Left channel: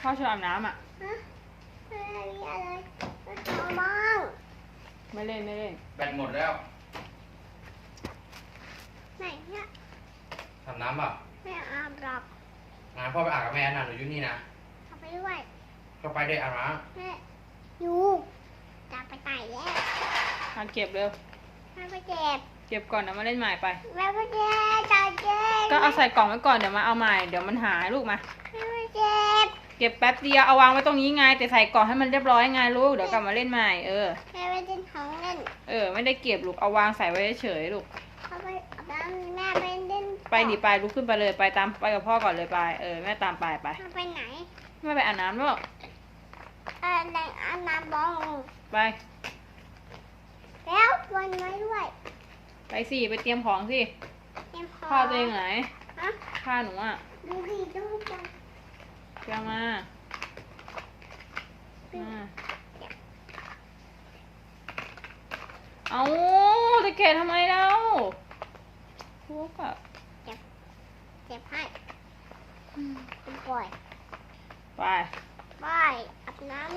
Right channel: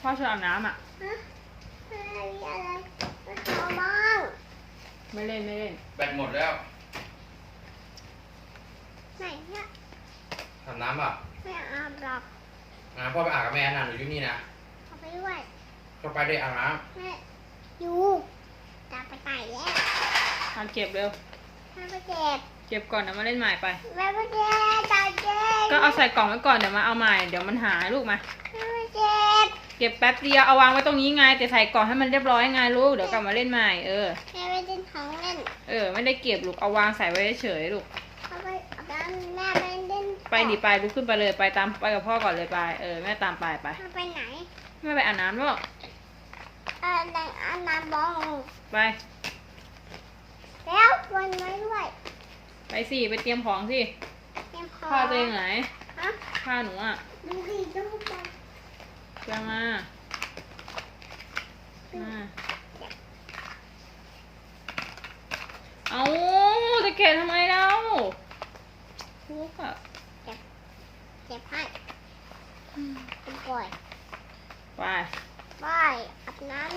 เขาชอาบน้ำ อ่ะไม่เล่นไม่เล่นแบตหมดแล้ว ไหนเนี่ยอาบน้ำป่ะไม่อาบหรอกงานพ่อไปอาบกับแม่นานหรือยู่นี่นะเขาไปด้วยเขาไปได้อาบน้ำอยู่จะไปไต่แล้วมาเก็บเร็วมปเก็บ เก็บก่อนเดี๋ยวมาเล่นใหม่ไปแม่เก็บจ้าเก็บ ก็เอาใส่กล่องไว้ก่อนเดี๋ยวมาเอาใหม่เดี๋ยวมันหายลูกมาแม่เก็บเก็บแป๊บเดียวเอาวางไว้ตรงนี้ไง แต่ใส่กล่องให้มันเรียบร้อยไงลูกเดี๋ยวกลับมาเล่นใหม่เออแม่ได้เล่นของเล่นเออไม่ได้เก็บลูกเอาวางใส่ไว้เฉยลูกไปแม่ไปเล่นไปดิไปลูกขึ้นไปเลยไปตามไปกับพ่อก่อนเลยไปเออแม่ตามไปไปไปไหนแม่ไปอาบน้ำวะไปอาบน้ำบองไปแล้วคนไม่ด้วยไปสิไปเตรียมของสิเตรียมของพ้าเจอไหนพ้าหนูอ่ะดูดิลูจะมา เอาตะเกีบทำไมเราพวกอะเจ็บให้ไปไป ไปอาบน้ำ